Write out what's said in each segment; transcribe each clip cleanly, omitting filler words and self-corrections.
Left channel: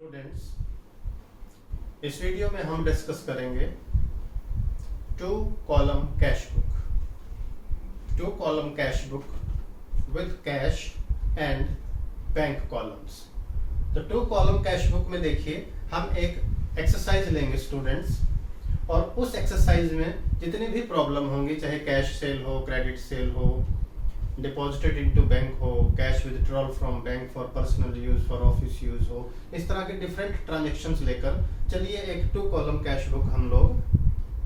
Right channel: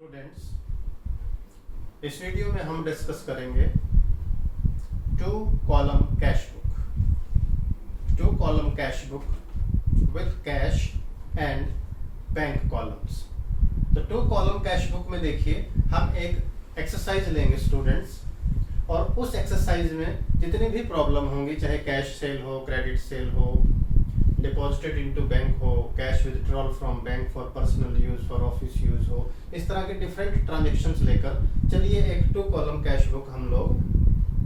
Students, इस video में हम डिस्कस करेंगे two column cash book with cash and bank columns. तो टू कॉलम कैश बुक में देखिए हम एक एक्सरसाइज लेंगे स्टूडेंट्स, और उस एक्सरसाइज में जितनी भी प्रॉब्लम होंगी, चाहे कैश सेल हो, क्रेडिट सेल हो, डिपॉजिटेड इनटू बैंक हो, cash withdrawal from bank for personal use, for office use हो, इस तरह के डिफरेंट ट्रांजेक्शन्स लेकर चलिए एक टू कॉलम कैश बुक हम लोग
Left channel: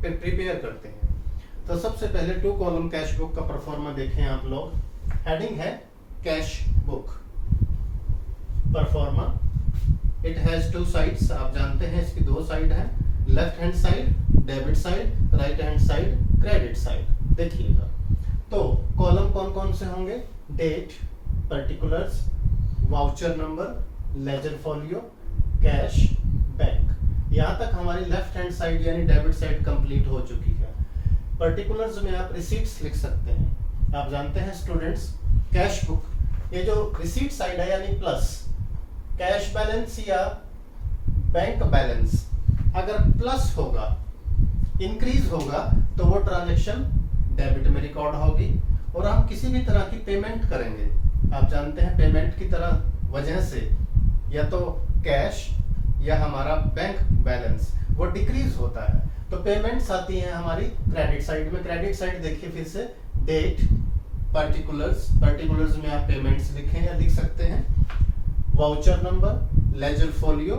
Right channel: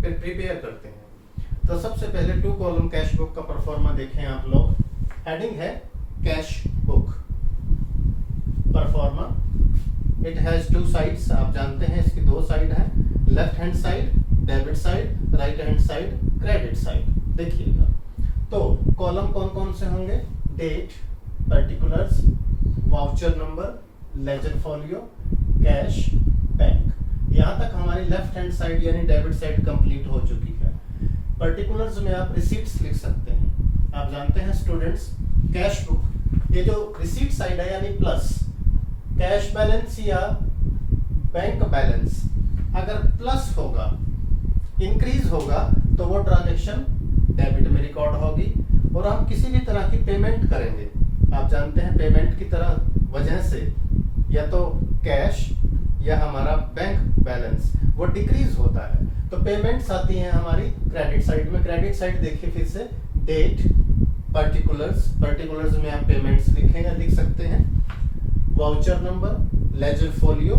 प्रिपेयर करते हैं। तो सबसे पहले टू कॉलम कैश बुक का परफॉर्मा देखें आप लोग। हेडिंग है cash book proforma. It has two sides, आप जानते हैं इसकी दो साइड है, left hand side debit side, right hand side credit side. देखिएगा तो कॉलम कौन कौन से होंगे? Date, particulars, voucher number, ledger folio, cash, bank. यहाँ तक हमारी लेफ्ट हैंड साइड यानी डेबिट साइड कंप्लीट हो चुकी है। पर्टिकुलर्स में आप रिसीट्स लिख सकते हैं। आप जानते हैं स्टूडेंट्स, कैश बुक, ये जो रिसीट साइड है यानी प्लस, कैश बैलेंस या बैंक बैलेंस अगर प्लस होगा, इंक्रीज होगा, तो वो ट्रांजेक्शन डेबिट में रिकॉर्ड होगी। और हम किसी भी तरह की पेमेंट करेंगे, आप जानते हैं पेमेंट की तरह वजह से या तो कैश या हमारा बैंक बैलेंस वो डिक्रीज होता है, तो पेमेंट्स आती हैं हमारी क्रेडिट साइड में। क्रेडिट साइड देखिए फिर से, डेट, पर्टिकुलर्स में आप पेमेंट्स लिखें या लिख सकते हैं, voucher number, ledger folio,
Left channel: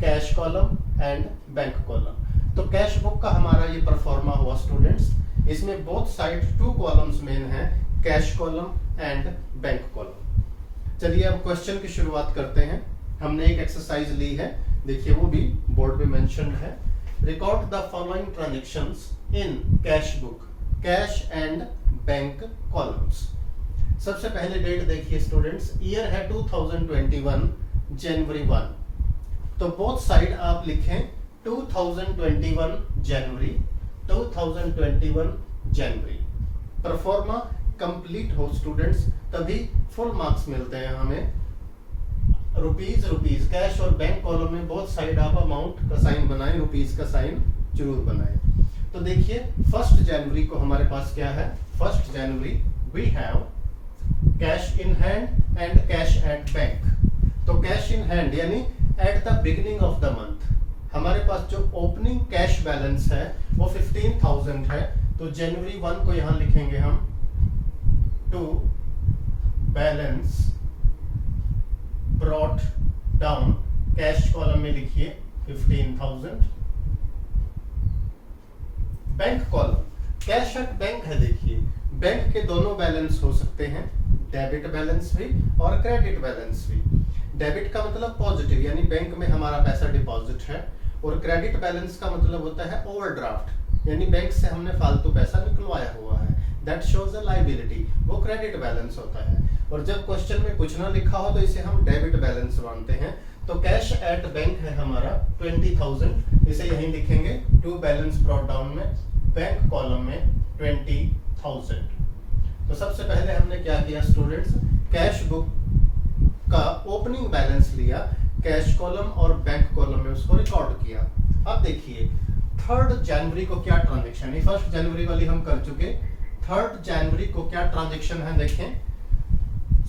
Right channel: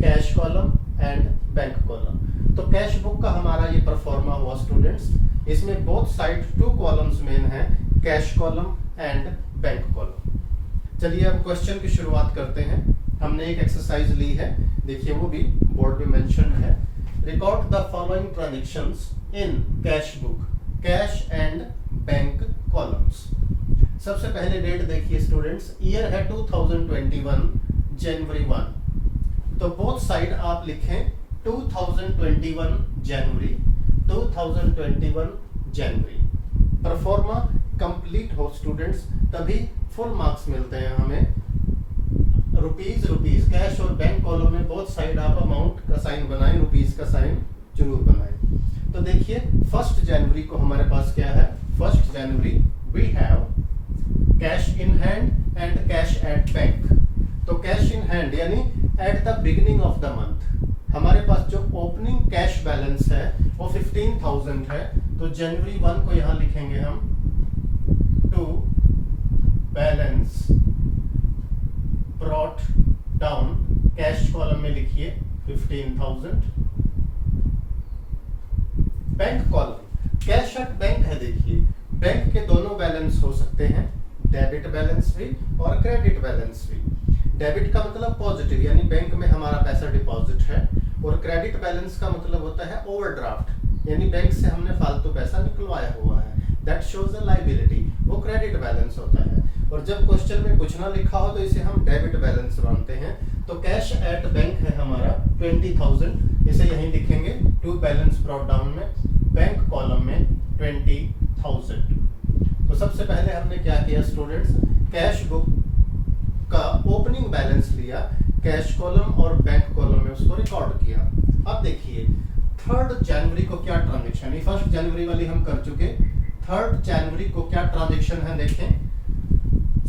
cash column and bank column. तो कैश बुक का हमारा ये परफॉर्मा हुआ स्टूडेंट्स। इसमें both side two columns main है, cash column and bank column. चलिए अब क्वेश्चन की शुरुआत करते हैं। हमने एक एक्सरसाइज ली है, देखिए वो भी बोर्ड पे मेंशन्ड है। Record the following transactions in cash book, cash and bank columns. सबसे पहले डेट देखिए स्टूडेंट्स, ईयर है 2021 जनवरी 1, तो बोथ साइड आप लिखें 2021 जनवरी, 2021 जनवरी। परफॉर्मा कंप्लीट हो स्टूडेंट्स, तभी फुल मार्क्स मिलते हैं हमें। रुपीज कैश और बैंक कॉलम में बोथ साइड आप अमाउंट का साइन बनाएं, रुपीज का साइन जरूर बनाएं। तो देखिए 1 जनवरी को हमारे पास क्या है? 1 January we have cash in hand and cash at bank. तो कैश इन हैंड यानी at the beginning of the month हमारे पास जो ओपनिंग कैश बैलेंस है वो 15,000 है, तो जनवरी 1 को यहां लिखेंगे हम to balance brought down, cash column में लिखिए 15,000। Bank column, cash at bank है, देखिए बैंक के दोनों बैलेंस हो सकते हैं, डेबिट बैलेंस भी और क्रेडिट बैलेंस भी। डेबिट का मतलब पॉजिटिव यानी बैंक में हमारा पैसा डिपॉजिट है, और क्रेडिट बैलेंस का मतलब होता है ओवरड्राफ्ट यानी बैंक से हमने फालतू पैसा निकलवाया हुआ है, दैट शोज अ लायबिलिटी, वो क्रेडिट बैलेंस होता है। और जब क्वेश्चन में कुछ ना लिखा हो तो इसे हम डेबिट बैलेंस मानते हैं। तो कैश एट बैंक है हमारा 20,000, इसे यहीं लिखेंगे टू बैलेंस ब्रॉट डाउन में, बैंक कॉलम में 20,000। तो सबसे पहले हमने क्या किया स्टूडेंट्स, कैश बुक का ओपनिंग बैलेंस लिया, कैश कॉलम और बैंक कॉलम में उसको रिकॉर्ड किया। अब देखिए 3 जनवरी को क्या ट्रांजेक्शन है, 1 जनवरी वाली हम कर चुके, 3 जनवरी को क्या ट्रांजेक्शन है देखें,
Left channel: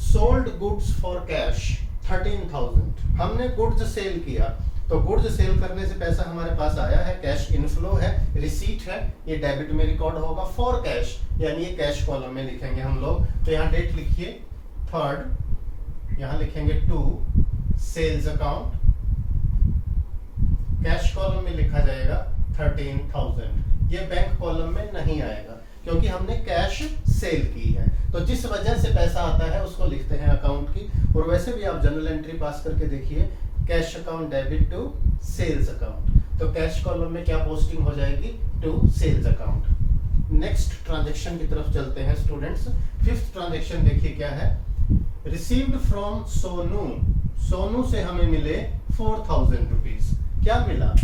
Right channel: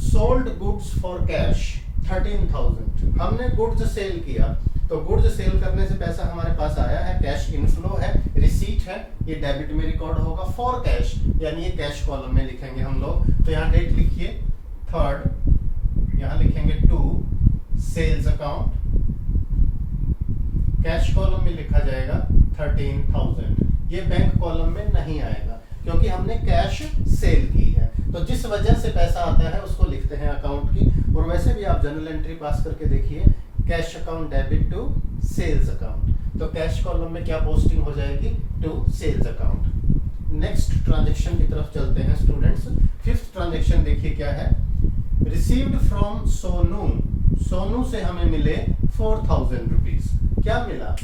सोल्ड गुड्स फॉर कैश 13,000। हमने गुड्स सेल किया, तो गुड्स सेल करने से पैसा हमारे पास आया है, कैश इनफ्लो है, रिसीट है, ये डेबिट में रिकॉर्ड होगा। फॉर कैश यानी ये कैश कॉलम में लिखेंगे हम लोग, तो यहाँ डेट लिखिए 3rd, यहाँ लिखेंगे to sales account, cash column में लिखा जाएगा 13,000। ये बैंक कॉलम में नहीं आएगा क्योंकि हमने कैश सेल की है, तो जिस वजह से पैसा आता है उसको लिखते हैं अकाउंट की। और वैसे भी आप जनरल एंट्री पास करके देखिए, cash account debit to sales account, तो कैश कॉलम में क्या पोस्टिंग हो जाएगी? To sales account. Next transaction की तरफ चलते हैं स्टूडेंट्स। 5th ट्रांजेक्शन देखिए क्या है, रिसीव्ड फ्रॉम सोनू, सोनू से हमें मिले 4,000 रुपीज। क्या मिला?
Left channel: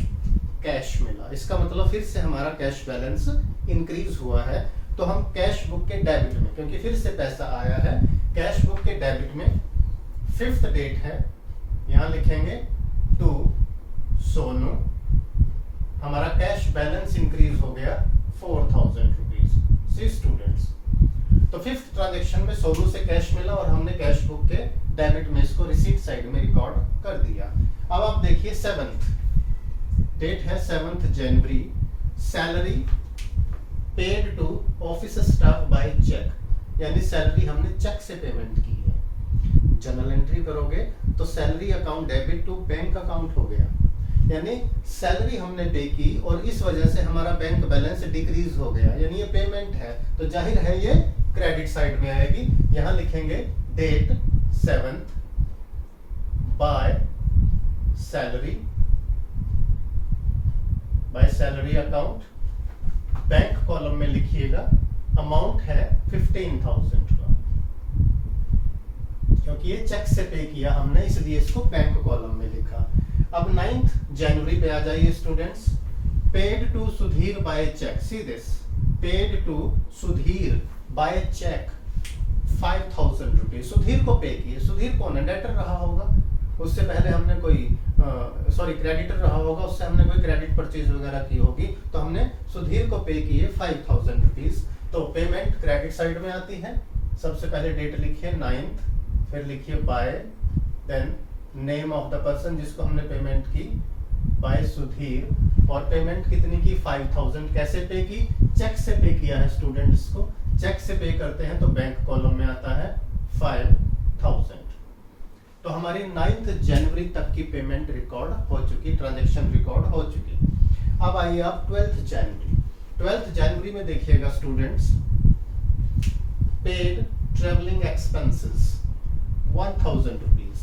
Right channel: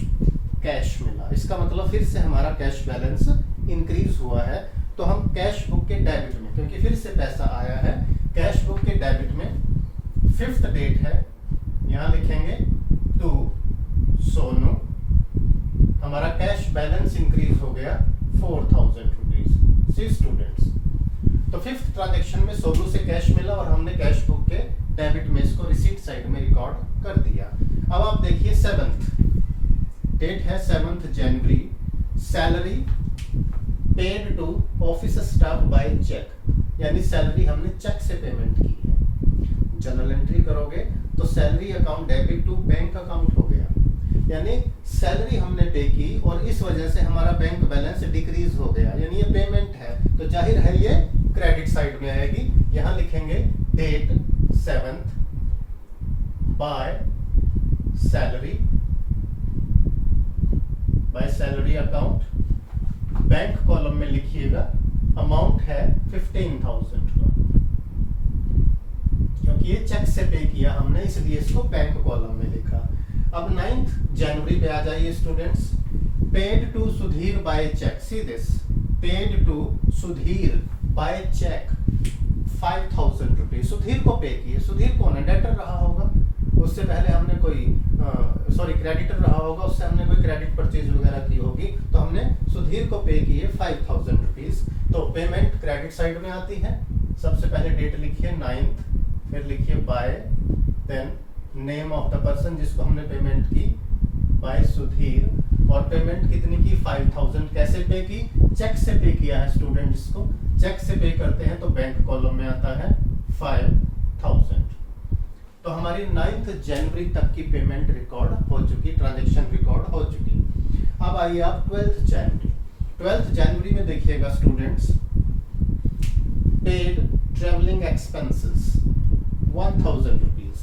कैश मिला। इसका मतलब फिर से हमारा कैश बैलेंस इंक्रीज हुआ है, तो हम कैश बुक के डेबिट में, क्योंकि फिर से पैसा आया है, कैश बुक के डेबिट में 5th डेट है, यहाँ लिखेंगे सोनू, हमारा कैश बैलेंस इंक्रीज हो गया 4000 रुपीज। सी स्टूडेंट्स, तो फिफ्थ ट्रांजेक्शन में सोनू से कैश मिला और हमने कैश बुक के डेबिट में इसको रिसीट साइड में रिकॉर्ड कर दिया। अब आप देखिए 7th डेट है 7th January, salary paid to office staff by cheque, यानी सैलरी हमने चेक से पेमेंट की है। जनरल एंट्री करोगे तो salary account debit to bank account हो गया, यानी सैलरी हमने पे की और इस वजह से हमारा बैंक बैलेंस डिक्रीज हो गया, यानी ये पेमेंट है तो जाहिर है ये क्रेडिट साइड में आएगी। यहां लिखेंगे date 7th by salary account, bank column में लिखिएगा अमाउंट है 15,000 का, क्योंकि ये चेक से पे किया हमने इसलिए इसको बैंक कॉलम में लिखा। अब 9th जनवरी पे आ जाइए students, paid to Sudhir by cheque, see this, paid to Sudhir by cheque 5,000 rupees, Sudhir को पे किए। सुधीर कौन है? डेटर रहा होगा, उससे पहले हमने कोई क्रेडिटर रहा होगा, उससे हमने कोई क्रेडिट परचेज वगैरह की होगी, तो हमने सुधीर को पे किए 5,000 रुपीज। तो पेमेंट क्रेडिट साइड में आती है। सबसे पहले डेट लिखिए 9th, फिर लिखिए by, then name of the person जिसको हमने पेमेंट की, बाय सुधीर, और पेमेंट कितनी की? 5,000। कैसे पे की? चेक से पे किया है स्टूडेंट्स को, चेक से पे करते हैं तो बैंक कॉलम में आता है 5,000। तो हमारी 9th जनवरी तक की पेमेंट रिकॉर्ड हो चुकी, ट्रांजैक्शन रिकॉर्ड हो चुकी। अब आइए आप 12th जनवरी। 12th जनवरी में देखिएगा students, paid travelling expenses 1,000 rupees,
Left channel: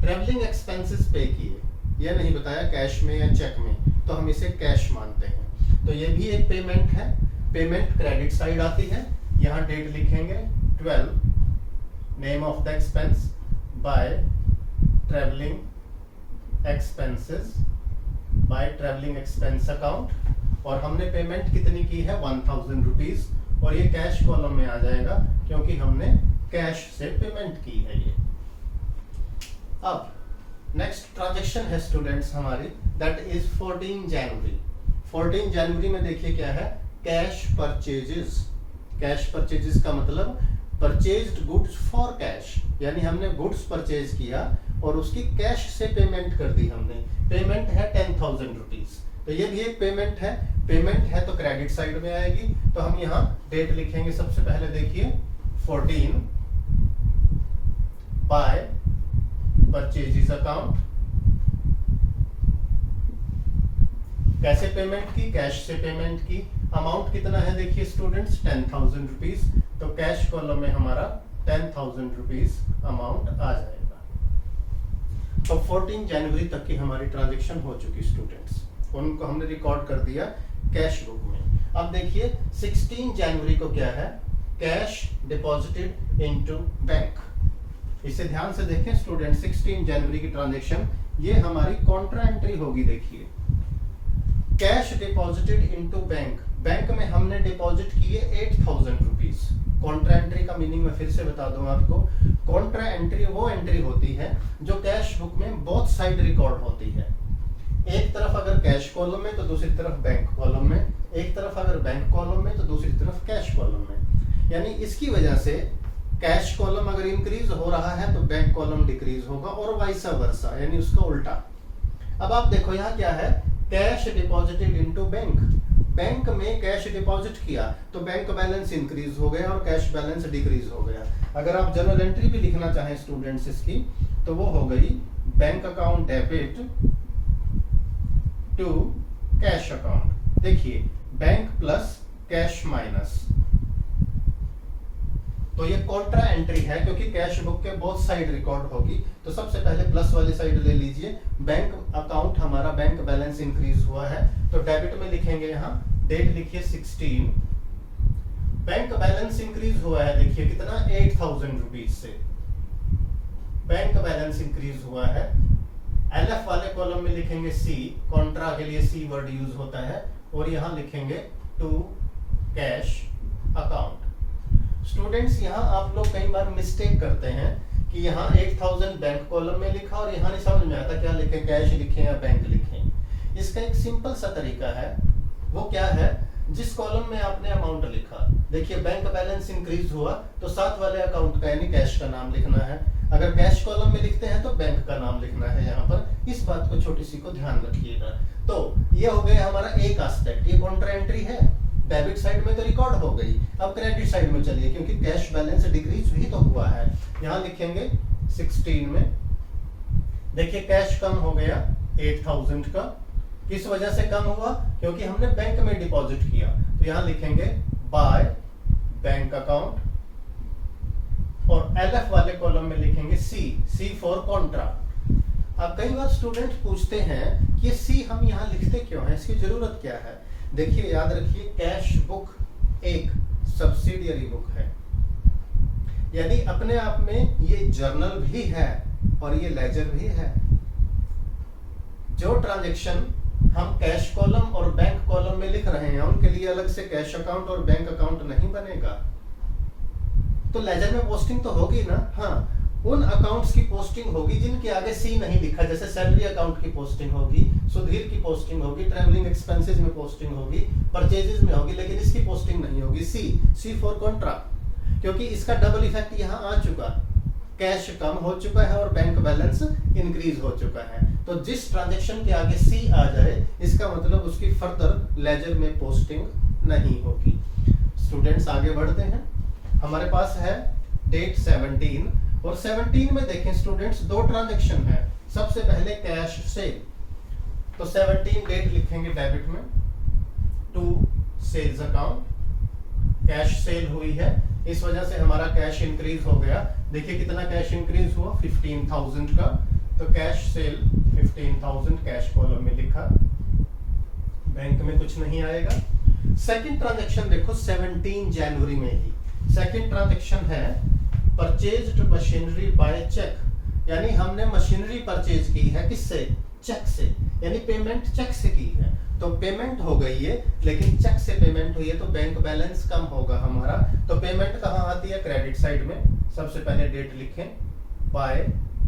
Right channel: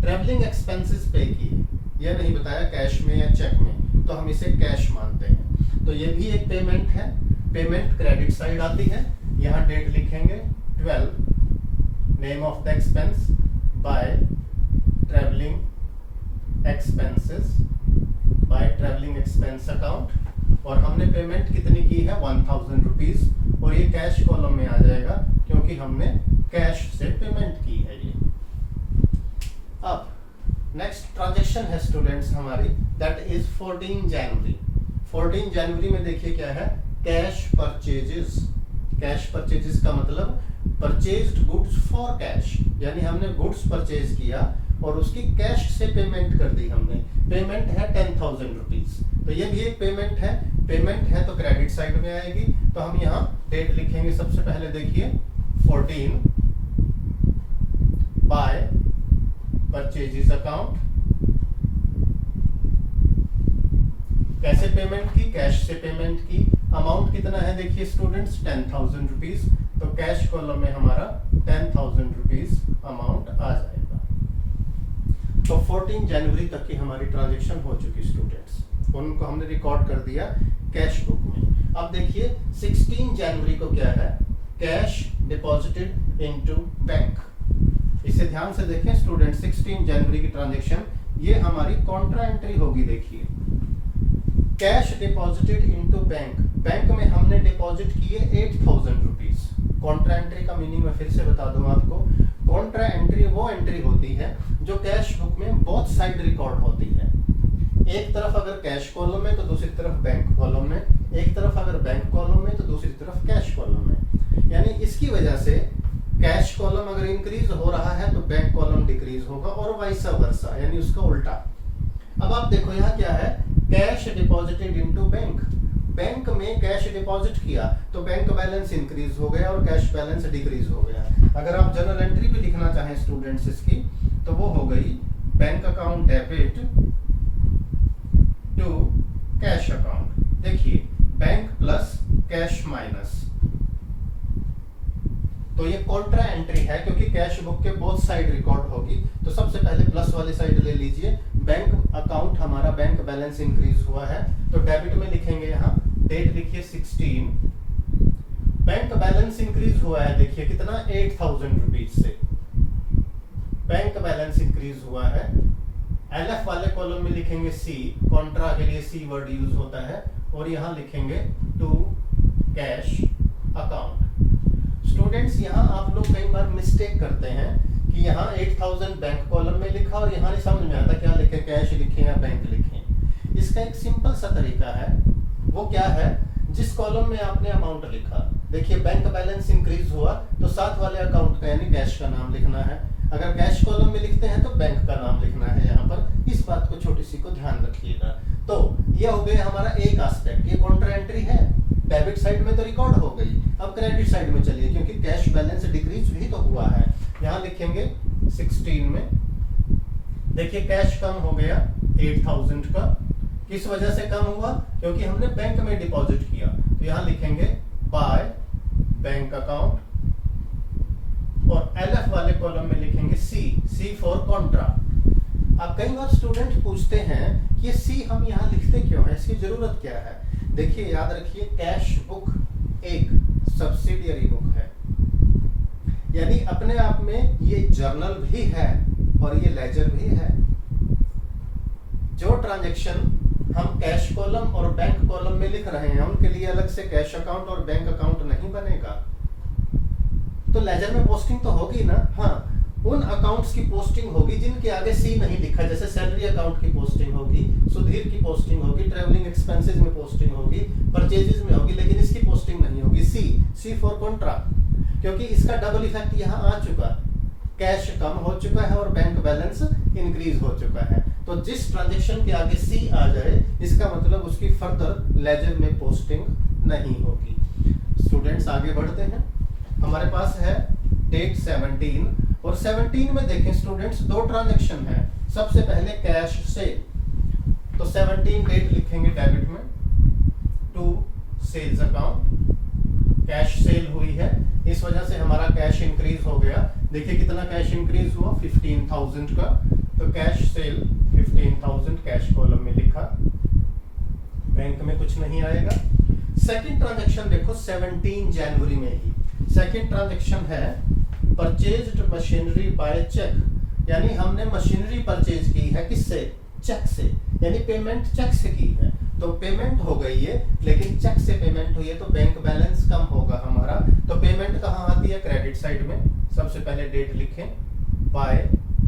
travelling expenses पे किए, यह नहीं बताया कैश में या चेक में, तो हम इसे कैश मानते हैं। तो ये भी एक पेमेंट है, पेमेंट क्रेडिट साइड आती है। यहाँ डेट लिखेंगे 12, name of the expense by travelling expense account, और हमने पेमेंट कितनी की है? 1,000 रुपीज, और ये कैश कॉलम में आ जाएगा क्योंकि हमने कैश से पेमेंट की है ये। अब नेक्स्ट ट्रांजैक्शन है स्टूडेंट्स हमारी, दैट इज 14 जनवरी। 14 जनवरी में देखिए क्या है, कैश परचेजेस। कैश परचेजेस का मतलब परचेज्ड गुड्स फॉर कैश, यानी हमने गुड्स परचेज किया और उसकी कैश से पेमेंट कर दी हमने। पेमेंट है 10,000 रुपीज, तो ये भी एक पेमेंट है। पेमेंट है तो क्रेडिट साइड में आएगी, तो हम यहाँ डेट लिखेंगे। सबसे पहले देखिए 14 बाय परचेजेस अकाउंट, कैसे पेमेंट की? कैश से पेमेंट की। अमाउंट कितना है देखिए स्टूडेंट्स, 10,000 रुपीज, तो कैश कॉलम में हमारा 10,000 रुपीज अमाउंट आ जाएगा। तो 14 जनवरी तक की हमारी ट्रांजैक्शन हो चुकी स्टूडेंट्स, उनको हमने रिकॉर्ड कर दिया कैश बुक में। अब देखिए 16 जनवरी को क्या है, कैश डिपॉजिटेड इनटू बैंक। इसे ध्यान से देखें स्टूडेंट, 16 जनवरी की ट्रांजैक्शन ये हमारी कॉन्ट्रा एंट्री होगी। देखिए cash deposited into bank, bank में हमने डिपॉजिट किए 8,000 रुपीज। कॉन्ट्रा एंट्री का मीनिंग मैं फिर से बता दूं आपको, कॉन्ट्रा एंट्री वो एंट्री होती है जो कैश बुक में बोथ साइड रिकॉर्ड होती है। एक तरफ अगर कैश कॉलम में तो दूसरी तरफ बैंक कॉलम में, एक तरफ अगर बैंक कॉलम में तो दूसरी तरफ कैश कॉलम में। यानी इसकी वजह से कैश कॉलम अगर इंक्रीज हो रहा है तो बैंक कॉलम डिक्रीज होगा, और वाइस वर्सा, यानी उसका उल्टा। अब आप देखो यहाँ क्या है, cash deposited into bank. Bank में कैश डिपॉजिट किया तो बैंक बैलेंस इंक्रीज हो गया और कैश बैलेंस डिक्रीज हो गया। अगर आप जनरल एंट्री भी लिखना चाहें स्टूडेंट्स इसकी, तो वो हो गई bank account debit to cash account. देखिए बैंक प्लस कैश माइनस, तो ये कॉन्ट्रा एंट्री है क्योंकि कैश बुक के बोथ साइड रिकॉर्ड होगी। तो सबसे पहले प्लस वाली साइड ले लीजिए, बैंक अकाउंट हमारा बैंक बैलेंस इंक्रीज हुआ है, तो डेबिट में लिखेंगे यहाँ, डेट लिखिए 16, बैंक बैलेंस इंक्रीज हुआ है। देखिए कितना, 8,000 रुपीज से बैंक बैलेंस इंक्रीज हुआ है। एलएफ वाले कॉलम में लिखेंगे सी, कॉन्ट्रा के लिए सी वर्ड यूज होता है, और यहाँ लिखेंगे टू कैश अकाउंट। स्टूडेंट्स यहाँ आप लोग कई बार मिस्टेक करते हैं कि यहाँ 8,000 बैंक कॉलम में लिखा और यहाँ नहीं समझ में आता क्या लिखे, कैश लिखे या बैंक लिखे। इसका एक सिंपल सा तरीका है, वो क्या है, जिस कॉलम में आपने अमाउंट लिखा, देखिए बैंक बैलेंस इंक्रीज हुआ तो साथ वाले अकाउंट का यानी कैश का नाम लिखना है। अगर कैश कॉलम में लिखते हैं तो बैंक का नाम लिखना है यहाँ पर। इस बात को छोटी सी को ध्यान रखिएगा। तो ये हो गया हमारा एक एस्पेक्ट, ये कॉन्ट्रा एंट्री है, डेबिट साइड में तो रिकॉर्ड हो गई। अब क्रेडिट साइड में चलिए, क्योंकि कैश बैलेंस डिक्रीज भी तो हुआ है। यहाँ लिखेंगे 16 में, देखिए कैश कम हो गया 8000 का। किस वजह से कम हुआ, क्योंकि हमने बैंक में डिपॉजिट किया। तो यहाँ लिखेंगे बाय बैंक अकाउंट, और एलएफ वाले कॉलम में लिखेंगे सी फॉर कॉन्ट्रा। अब कई बार स्टूडेंट पूछते हैं कि सी हम यहाँ लिखते क्यों हैं, इसकी जरूरत क्या है। देखिए याद रखिए, कैश बुक एक सब्सिडियरी बुक है, यानी अपने आप में ये जर्नल भी है और ये लेजर भी है। जो ट्रांजैक्शन हम कैश कॉलम और बैंक कॉलम में लिख रहे हैं उनके लिए अलग से कैश अकाउंट और बैंक अकाउंट नहीं बनेगा। तो लेजर में पोस्टिंग तो होगी ना, हाँ, उन अकाउंट्स की पोस्टिंग होगी जिनके आगे सी नहीं लिखा, जैसे सैलरी अकाउंट की पोस्टिंग होगी, सुधीर की पोस्टिंग होगी, ट्रैवलिंग एक्सपेंसेस में पोस्टिंग होगी, परचेजेस में होगी, लेकिन इसकी पोस्टिंग नहीं होगी। सी फॉर कॉन्ट्रा, क्योंकि इसका डबल इफेक्ट यहाँ आ चुका, कैश कम हो चुका है और बैंक बैलेंस इंक्रीज हो चुका है। तो जिस ट्रांजैक्शन के आगे सी आ जाए, इसका मतलब उसकी फर्दर लेजर में पोस्टिंग नहीं होगी। स्टूडेंट्स आगे बढ़ते हैं, हमारे पास है डेट 17, और 17 में देखें स्टूडेंट्स दो ट्रांजैक्शन है। सबसे पहले कैश सेल, तो 17 डेट लिखेंगे डेबिट में, to sales account, cash sale हुई है, इस वजह से हमारा कैश इंक्रीज हो गया। देखिए कितना कैश इंक्रीज हुआ, 15000 का। तो कैश सेल 15000 कैश कॉलम में लिखा, बैंक में कुछ नहीं आएगा। सेकंड ट्रांजैक्शन देखो 17 जनवरी में ही, सेकंड ट्रांजैक्शन है परचेज्ड मशीनरी बाय चेक, यानी हमने मशीनरी परचेज की है, किससे, चेक से, यानी पेमेंट चेक से की है। तो पेमेंट हो गई है, लेकिन चेक से पेमेंट हुई है, तो बैंक बैलेंस कम होगा हमारा। तो पेमेंट कहाँ आती है, क्रेडिट साइड में। सबसे पहले डेट लिखें, बाय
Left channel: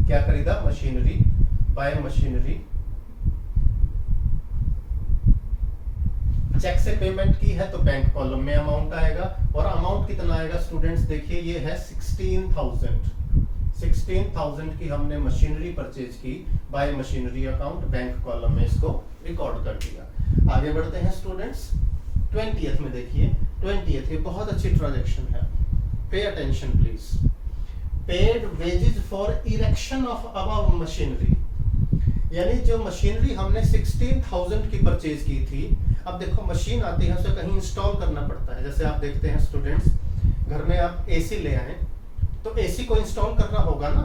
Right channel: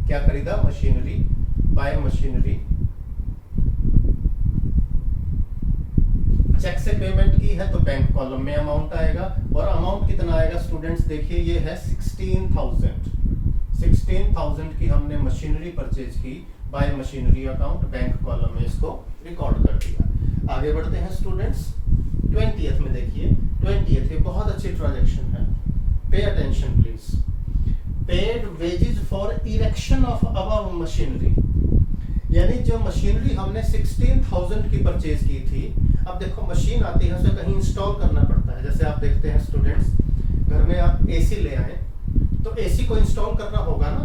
क्या खरीदा, मशीनरी, बाय मशीनरी, चेक से पेमेंट की है तो बैंक कॉलम में अमाउंट आएगा। और अमाउंट कितना आएगा स्टूडेंट्स, देखिए ये है 16000 की हमने मशीनरी परचेज की bye machinery account, bank column में इसको रिकॉर्ड कर दिया। आगे बढ़ते हैं स्टूडेंट्स, 20th में देखिए, 20th ये बहुत अच्छी ट्रांजैक्शन है, pay attention please. Paid wages for erection of above machinery, यानी जो मशीनरी हमने 16000 की परचेज की थी, अब देखो मशीन आती है उसे कहीं इंस्टॉल करना पड़ता है। जैसे आप देखते हैं स्टूडेंट्स, घर में आप एसी ले आए तो एसी को इंस्टॉल करना होगा ना,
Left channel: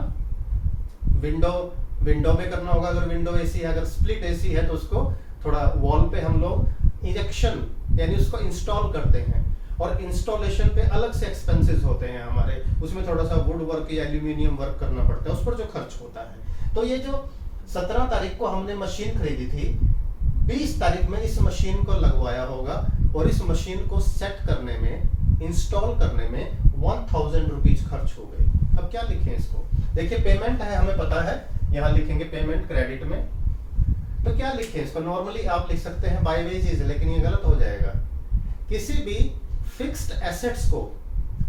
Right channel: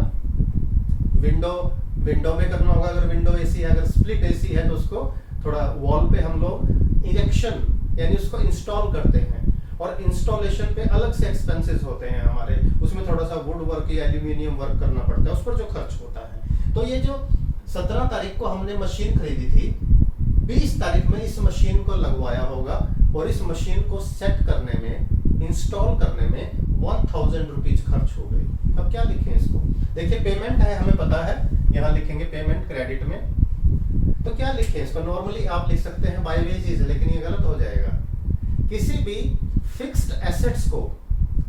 विंडो में करना होगा। अगर विंडो एसी है, अगर स्प्लिट एसी है तो उसको थोड़ा वॉल पे हम लोग इरेक्शन यानी उसको इंस्टॉल करते हैं, और इंस्टॉलेशन पे अलग से एक्सपेंसेस होते हैं हमारे, उसमें थोड़ा सा वुड वर्क या एल्यूमिनियम वर्क करना पड़ता है, उस पर जो खर्च होता है। तो ये जो 17 तारीख को हमने मशीन खरीदी थी, 20 तारीख में इस मशीन को लगवाया होगा, और इस मशीन को सेट करने में, इंस्टॉल करने में 1000 रुपीज खर्च हो गई। अब क्या लिखें इसको, देखिए पेमेंट है हमें पता है, यहाँ लिखेंगे पेमेंट क्रेडिट में। तो क्या लिखें इसको, नॉर्मली आप लिख सकते हैं बाय वेजेस, लेकिन ये गलत हो जाएगा। किसी भी फिक्स्ड एसेट्स को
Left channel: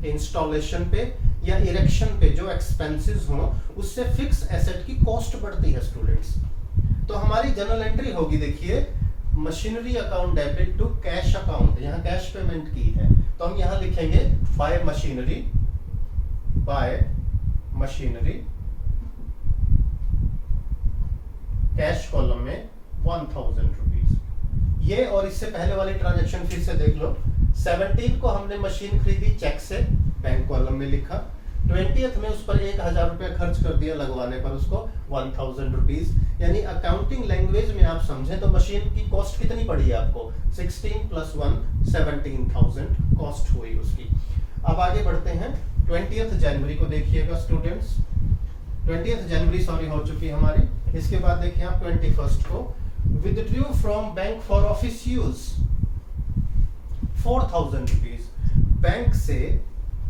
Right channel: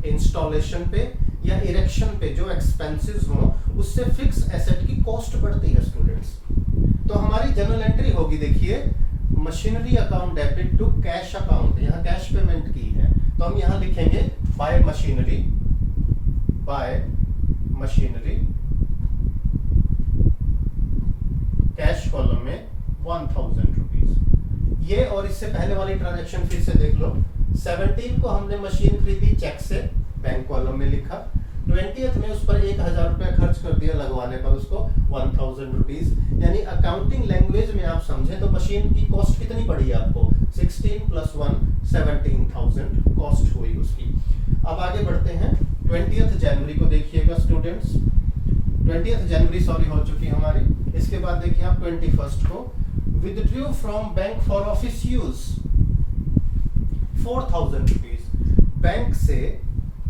इंस्टॉलेशन पे या इरेक्शन पे जो एक्सपेंसेस हो, उससे फिक्स एसेट की कॉस्ट बढ़ती है स्टूडेंट्स। तो हमारी जनरल एंट्री होगी, देखिए machinery account debit to cash account, यहाँ कैश पेमेंट की है, तो हम यहाँ लिखेंगे बाय मशीनरी, कैश कॉलम में 1000 रुपीज। ये और इससे पहले वाली ट्रांजैक्शन फिर से देख लो, 17 को हमने मशीन खरीदी चेक से, बैंक कॉलम में लिखा, 20th में उस पर 1000 रुपया खर्च कर दिया लगवाने पर, उसको 1000 रुपीज। यानी अकाउंटिंग लैंग्वेज में आप समझें तो मशीन की कॉस्ट कितनी पड़ी आपको, 16 + 1 17,000 कॉस्ट हुई उसकी। अब आगे बढ़ते हैं, 20th जनवरी को देखिएगा स्टूडेंट्स, 20th जनवरी सॉरी हो चुकी हमारी। इसके बाद देखिए आप 21st को, withdrew from bank for office use 4000 rupees, bank से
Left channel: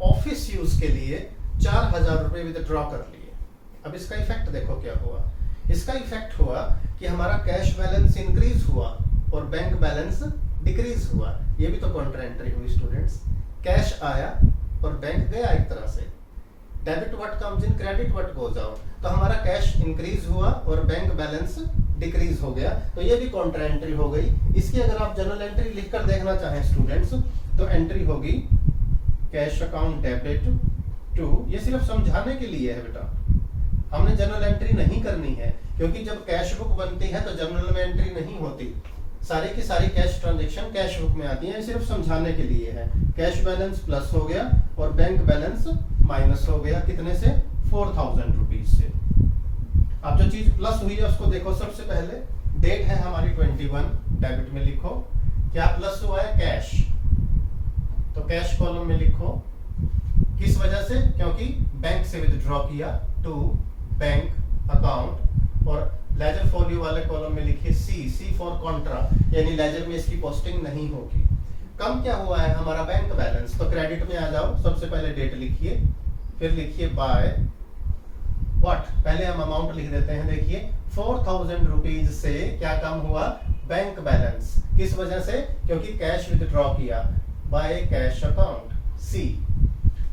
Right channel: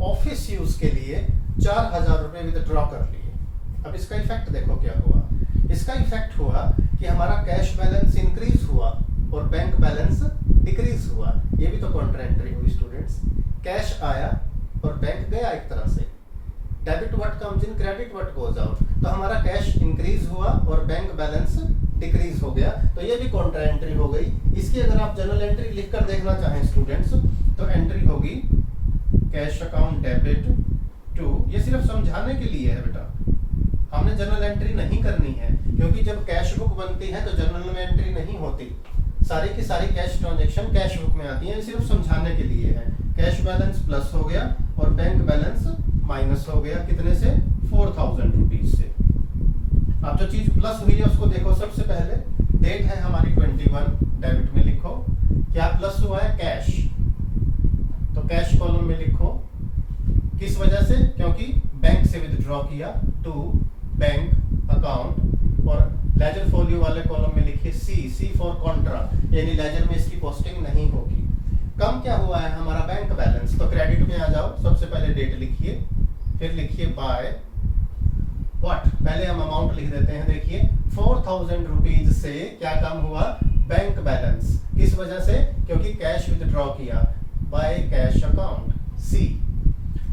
ऑफिस यूज के लिए 4000 रुपए विथड्रॉ कर लिए। अब इसका इफेक्ट देखो क्या हुआ, इसका इफेक्ट हुआ कि हमारा कैश बैलेंस इंक्रीज हुआ और बैंक बैलेंस डिक्रीज हुआ। ये भी तो काउंटर एंट्री हुई स्टूडेंट्स। कैश आया और बैंक गया एक तरह से। Debit what comes in, credit what goes out. तो हमारा कैश इंक्रीज हुआ और बैंक बैलेंस डिक्रीज हो गया, तो ये भी काउंटर एंट्री हो गई। इसकी अगर आप जनरल एंट्री लिखकर देखना चाहें स्टूडेंट्स, तो एंट्री होगी कैश अकाउंट डेबिट टू। ये सिर्फ समझाने के लिए है बेटा, हमने जनरल एंट्री नहीं करनी है, क्योंकि जब कैश बुक बनती है तो जनरल में एंट्री नहीं होती। सारी की सारी कैश ट्रांजैक्शन कैश बुक में आती है, सिर्फ समझाने के लिए है। कैश बैलेंस प्लस हो गया और बैंक बैलेंस माइनस हो गया, कितने से? 4000 रुपीज से। अब जो चीज प्लस हुई है उसको देखो। सबसे पहले डेट है हमारी 21, डेबिट में लिखो क्या प्लस हुआ है? कैश। तो कैश कॉलम में लिखो, किस वजह से? क्योंकि बैंक से विथड्रॉ किया, टू बैंक अकाउंट। और लेजर फोलियो वाले कॉलम में लिखिए सी फॉर कॉन्ट्रा, यानी लेजर में इसकी पोस्टिंग नहीं होगी। कम क्या हुआ है? हमारा बैंक बैलेंस। तो क्रेडिट में आ जाओ, सबसे पहले डेट लिखिए, फिर लिखिए बाय व्हाट। पहले हम अमाउंट लिख देते हैं। देखिए 4000 रुपीज से क्या कम हुआ? Bank balance. किस वजह से? क्योंकि कैश विथड्रॉ किया, by cash account, see.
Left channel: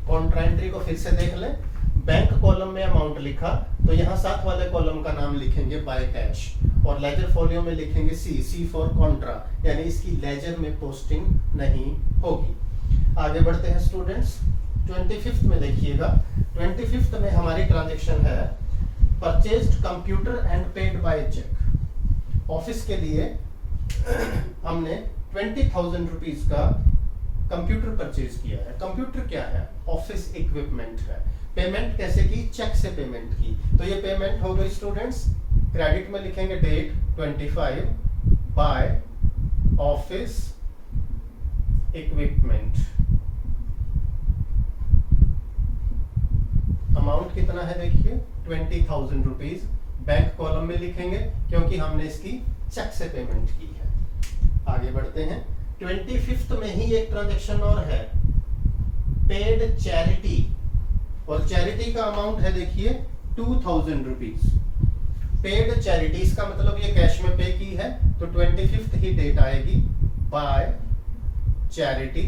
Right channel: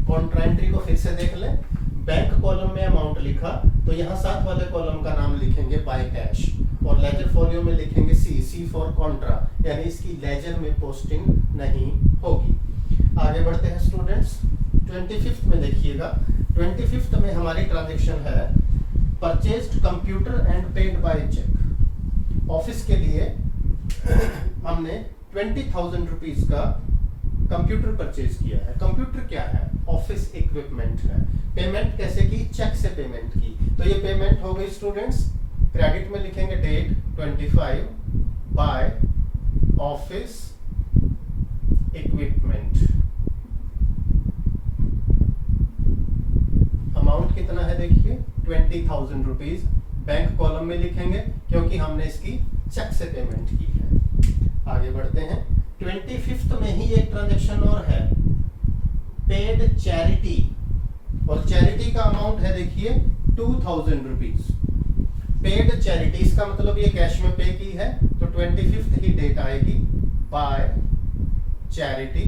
Counter entry को फिर से देख लें। बैंक कॉलम में अमाउंट लिखा, तो यहाँ साथ वाले कॉलम का नाम लिखेंगे बाय कैश, और लेजर फोलियो में लिखेंगे सी फॉर कॉन्ट्रा, यानी इसकी लेजर में पोस्टिंग नहीं होगी। आगे बढ़ते हैं स्टूडेंट्स। 25th में देखिएगा, 25th में हमारी ट्रांजेक्शन है purchased computer and paid by cheque. Office के लिए हमने 20,000 रुपीज का कंप्यूटर परचेज किया है। कंप्यूटर क्या है? ऑफिस इक्विपमेंट है। पेमेंट कैसे की? चेक से पेमेंट की। तो ये पेमेंट हो गई स्टूडेंट्स। क्रेडिट में लिखेंगे date 25 by office equipment. Amount कितना है? देखिए 20,000 रुपीज। बैंक कॉलम में लिखेंगे क्योंकि हमने इसकी चेक से पेमेंट की है। आगे बढ़ते हैं। 25th में ही एक ट्रांजैक्शन और है, पेड चैरिटी, और चैरिटी का अमाउंट है देखिए 2000 रुपीज। पेड चैरिटी, इसका मतलब ये कैश में पे की है, तो 25th ही डेट आएगी by charity,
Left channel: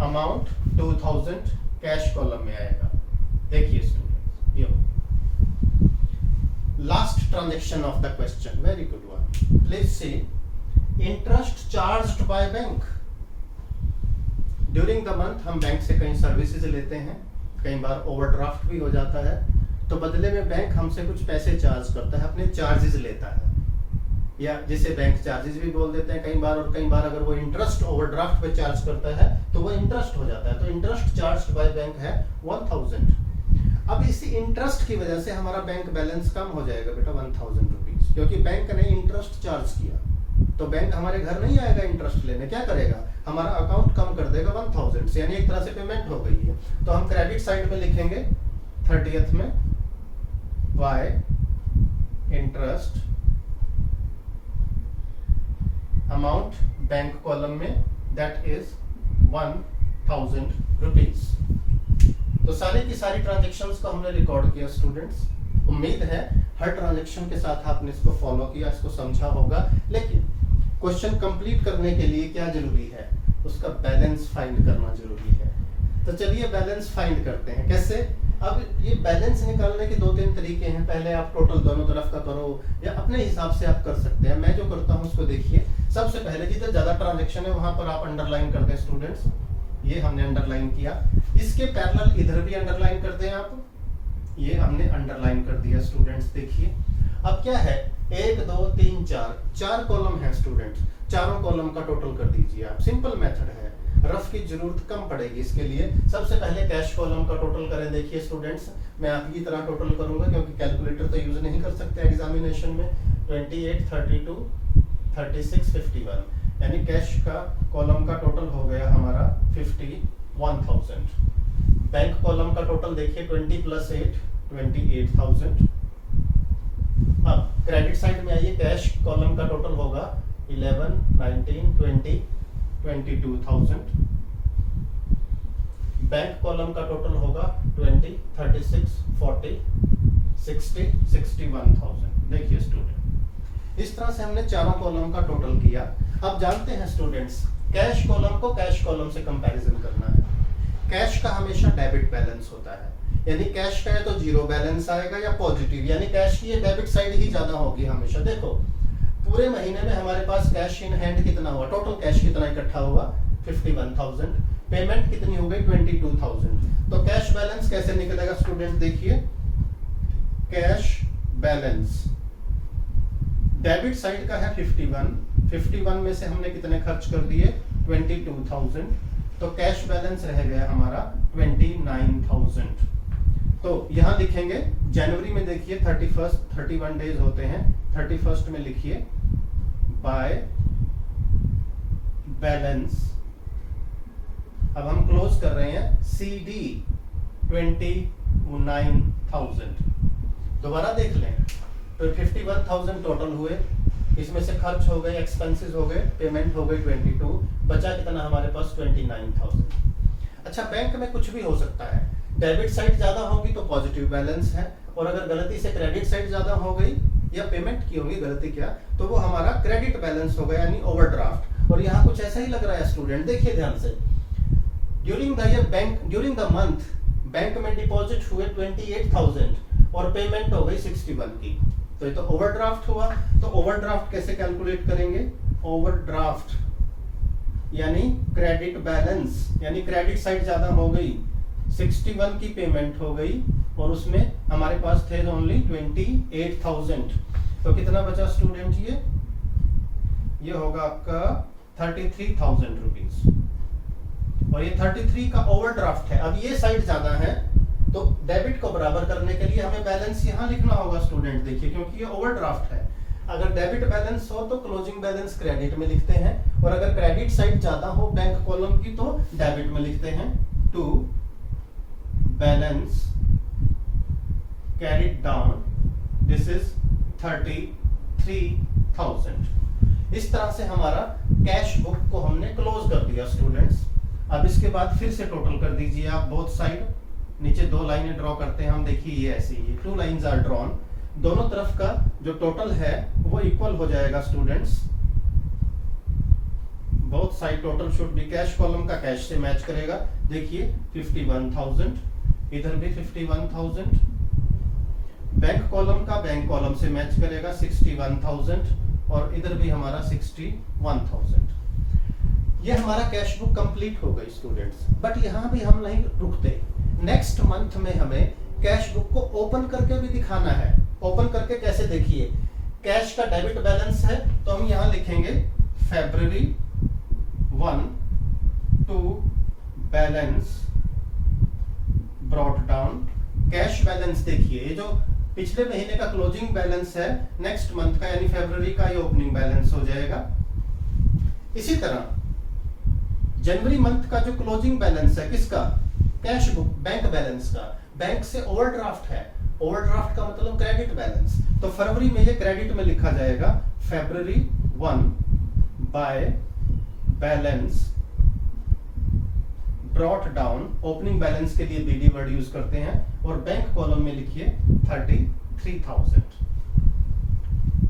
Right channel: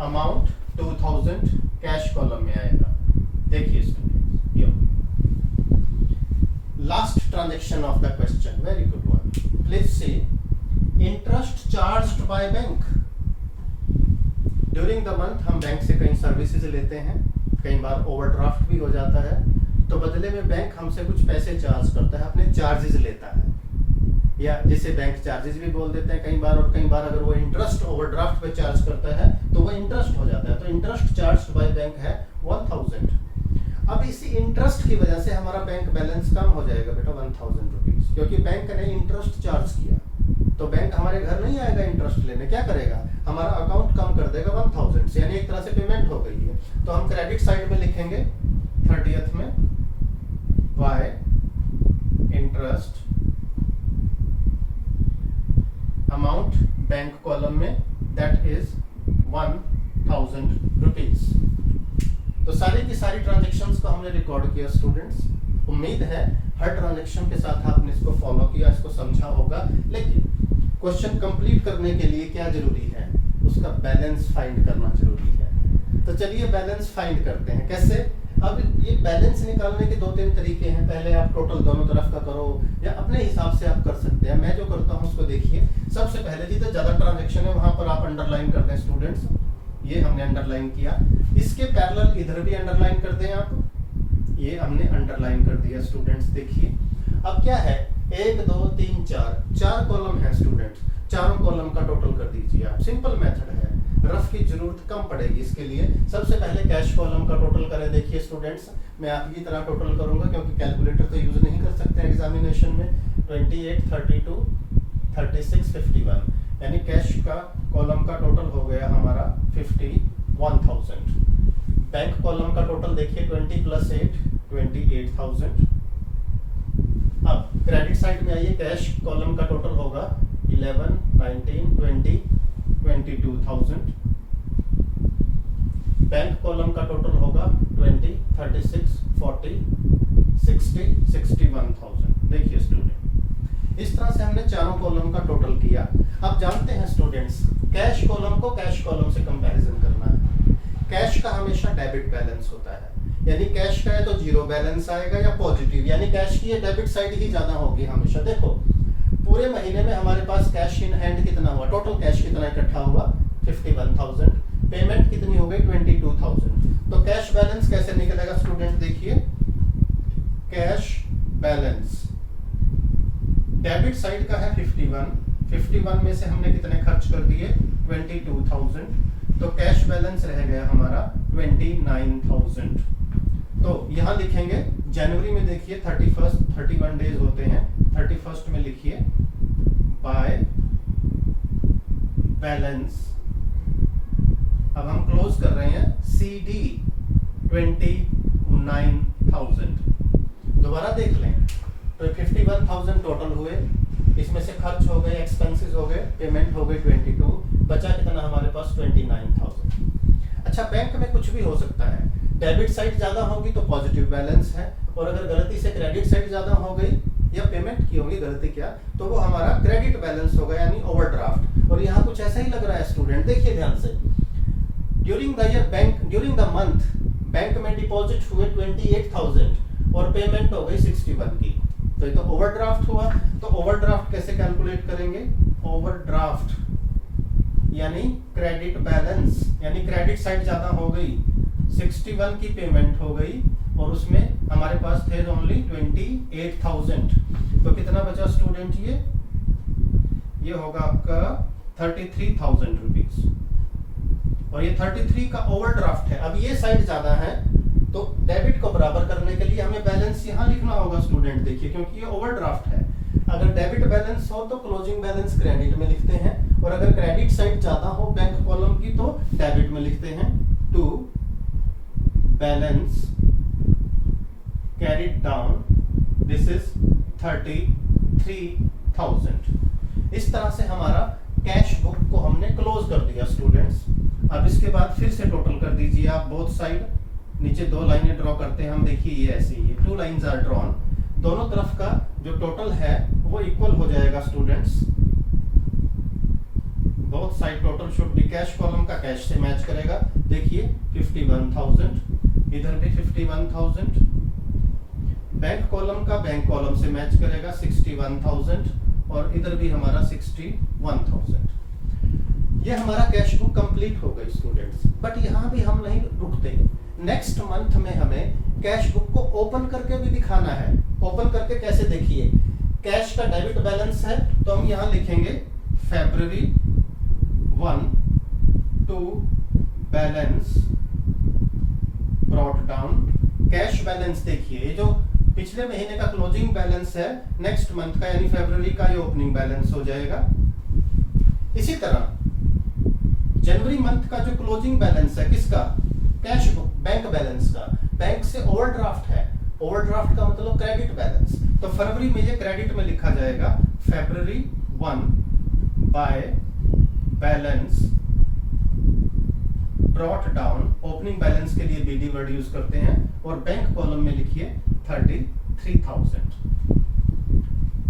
amount 2000, cash column में आएगा। देखिए स्टूडेंट्स, ये last transaction of the question, very good one. Please see, interest charged by bank. During the month हम बैंक से कई सर्विसेज लेते हैं, कई बार ओवरड्राफ्ट भी हो जाता है, तो बदले में बैंक हमसे कुछ पैसे चार्ज करता है, अपने चार्जेस लेता है, या जिसे बैंक चार्जेस भी बोल देते हैं कई बार। और कई बार अगर वो इंटरेस्ट ओवरड्राफ्ट पे चार्ज करता है तो वो इंटरेस्ट हो जाता है। तो इंटरेस्ट चार्ज्ड बाय बैंक है 1000। अब इसी इंटरेस्ट की वजह से हमारा बैंक बैलेंस कम हो जाएगा बेटा 1000 रुपीज, क्योंकि बैंक ने इंटरेस्ट चार्ज किया। तो बैंक हमारे घर नहीं आएगा इंटरेस्ट लेने, क्या करेगा? हमारा अकाउंट कम कर देगा 1000 से, यानी एक तरह से पेमेंट हो गई है। तो हम क्रेडिट साइड में लिखेंगे 30th में bye interest, amount bank column में दैट इज 1000 रुपीज। तो सारी की सारी ट्रांजेक्शन्स को हमने रिकॉर्ड किया स्टूडेंट्स। उम्मीद है हर ट्रांजेक्शन के साथ आपने इसको फॉलो किया, इसको समझा होगा। लेकिन क्वेश्चन कंप्लीट करने के लिए क्या जरूरी है? उसका बैलेंस फाइंड करना जरूरी है। तो चलिए बैलेंस फाइंड करते हैं। कैसे? अब ये बैलेंस निकालने के 2-3 तरीके हैं। पहले आप टोटल दोनों तरफ का करो, या अपने हिसाब से आप कर सकते हैं। मैं जो करता हूँ उसको देखिए। सबसे पहले जिधर ज्यादा ट्रांजेक्शन है वहां पर आप अंडरलाइन कर दें स्टूडेंट्स। ये हमने अंडरलाइन किया, इसके पैरेलल इधर भी अंडरलाइन कर दें आप। ये हमने अंडरलाइन कर दिया स्टूडेंट्स। देखिए अब क्या है, 1 2 3 4 कॉलम है स्टूडेंट्स। चारों कॉलम का टोटल कर दीजिए आप। सिंपल मेथड है, रफ की जरूरत कम पड़ेगी इसके लिए। सबसे पहले कैश कॉलम का टोटल करें। देखिए स्टूडेंट्स, मैं आपकी तरह टोटल करूंगा क्योंकि कैलकुलेटर तो यूज नहीं कर सकते एग्जामिनेशन में। 28 32 36 51, यानी कैश का कॉलम का टोटल हो गया हमारा 51,000। बैंक कॉलम का टोटल देखिए 20 + 8 28,000। अब क्रेडिट साइड में आइए, कैश कॉलम का टोटल होगा 11 19 20 22,000। बैंक कॉलम का टोटल होगा 20 36 40 61,000। देखिए स्टूडेंट, इस तरह से हमने चारों कॉलम का टोटल किया। अब जानते हैं स्टूडेंट्स, कैश कॉलम को कैश कॉलम से कंपैरिजन करना है। कैश का हमेशा डेबिट बैलेंस होता है, यानी कैश का है तो जीरो बैलेंस आएगा या पॉजिटिव, यानी कैश की ये डेबिट साइड ही ज्यादा होगी हमेशा। देखो पूरे महीने में हमारे पास कैश इन हैंड कितना हुआ, टोटल कैश कितना इकट्ठा हुआ 51,000, पेमेंट कितनी हो गई 22,000। तो कैश बैलेंस कैसे निकलेगा स्टूडेंट, देखिए कैश बैलेंस डेबिट साइड का है 51 में से हमने कितने खर्च कर दिए 22,000, तो कैश बैलेंस रह गया हमारा 29,000। तो यहां लिखेंगे जनवरी में, देखिए 31 डेज होते हैं, 31 में लिखिए बाय बैलेंस। अब हम क्लोज कर रहे हैं CD 29,000। दोबारा देख लें तो 51,000 टोटल हुए, इसमें से खर्च हो गए, एक्सपेंसेस हो गए, पेमेंट हो गई 22, बचा कितना हमारे पास 29,000। अच्छा, बैंक में कुछ भी हो सकता है, डेबिट साइड ज्यादा होगी तो पॉजिटिव बैलेंस है, और अगर गलती से क्रेडिट साइड ज्यादा हो गई या पेमेंट की होगी गलती क्या, तो वो हमारा क्रेडिट बैलेंस होगा यानी ओवरड्राफ्ट। और यहाँ कुछ ऐसा ही लग रहा है स्टूडेंट, देखिए ध्यान से, ड्यूरिंग द मंथ बैंक में डिपॉजिट हुए 28,000 और पेमेंट हो गई 61 की, तो ये तो ओवरड्राफ्ट हुआ। तो ओवरड्राफ्ट कैसे कैलकुलेट करेंगे, ओवरड्राफ्ट यानी क्रेडिट बैलेंस, यानी क्रेडिट साइड ज्यादा हो गई, 61 की पेमेंट हो गई और उसमें हमारे पास थे ओनली 28,000, तो कितना बचा स्टूडेंट, ये होगा आपका 33,000 रुपीज, और ये 33 का ओवरड्राफ्ट है। अब ये साइड ज्यादा है तो डेबिट को बराबर करने के लिए हमें बैलेंस यहाँ लिखना होगा स्टूडेंट, देखिए क्योंकि ये ओवरड्राफ्ट है। अगर डेबिट बैलेंस हो तो क्लोजिंग बैलेंस क्रेडिट में लिखते हैं, और अगर क्रेडिट साइड ज्यादा हो बैंक कॉलम की तो डेबिट में लिखते हैं। To balance carried down, this is 33,000। इस तरह से हमारा कैश बुक को हमने क्लोज कर दिया स्टूडेंट्स। अब इसके बाद फिर से टोटल कर दीजिए आप बोथ साइड, नीचे दो लाइनें ड्रॉ करते हैं हम, देखिए ये ऐसे ही, 2 लाइंस आर ड्रॉन, दोनों तरफ का जो टोटल है वो इक्वल हो जाएगा students. Both side total should be, cash column का कैश से मैच करेगा, देखिए 51,000, इधर भी 51,000, बैंक कॉलम का बैंक कॉलम से मैच करेगा 61,000, और इधर भी हमारा 61,000। ये हमारा कैश बुक कंप्लीट हो गई स्टूडेंट्स। बट यहाँ भी हम नहीं रुकते, नेक्स्ट मंथ में हमें कैश बुक को ओपन करके भी दिखाना है। ओपन करके कैसे, देखिए कैश का डेबिट बैलेंस है तो हम यहाँ लिखेंगे February 1 to balance brought down. Cash balance देखिए, ये जो पिछले महीने का क्लोजिंग बैलेंस है नेक्स्ट मंथ का यानी फरवरी का, ये ओपनिंग बैलेंस हो जाएगा। इसी तरह जनवरी मंथ का जो क्लोजिंग बैलेंस है किसका, कैश बुक बैंक बैलेंस का, बैंक से ओवरड्राफ्ट है, ओवरड्राफ्ट का मतलब क्रेडिट बैलेंस, तो फरवरी में ये क्रेडिट में लिखा जाएगा February 1 by balance brought down. Opening balance के लिए BD वर्ड यूज करते हैं, और बैंक कॉलम में लिखिए 33,000।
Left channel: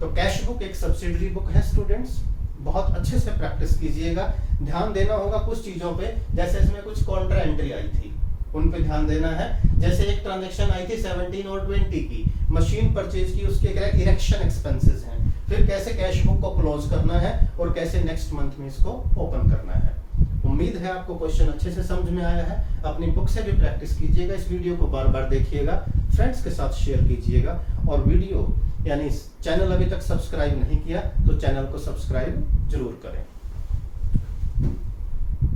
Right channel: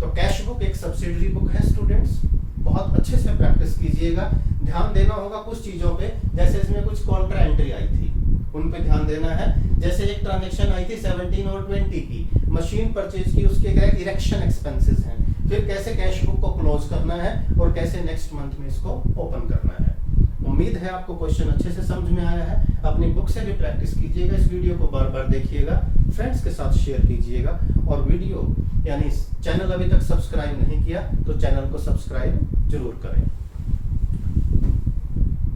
तो कैश बुक एक सब्सिडरी बुक है स्टूडेंट्स, बहुत अच्छे से प्रैक्टिस कीजिएगा। ध्यान देना होगा कुछ चीजों पे, जैसे इसमें कुछ कॉन्ट्रा एंट्री आई थी उन पे ध्यान देना है। जैसे एक ट्रांजैक्शन आई थी 17 और 20 की, मशीन परचेज की, उसके इरेक्शन एक्सपेंसेस हैं। फिर कैसे कैश बुक को क्लोज करना है और कैसे नेक्स्ट मंथ में इसको ओपन करना है। उम्मीद है आपको क्वेश्चन अच्छे से समझ में आया है। अपनी बुक से भी प्रैक्टिस कीजिएगा, इस वीडियो को बार बार देखिएगा, फ्रेंड्स के साथ शेयर कीजिएगा, और वीडियो यानी चैनल अभी तक सब्सक्राइब नहीं किया तो चैनल को सब्सक्राइब जरूर करें।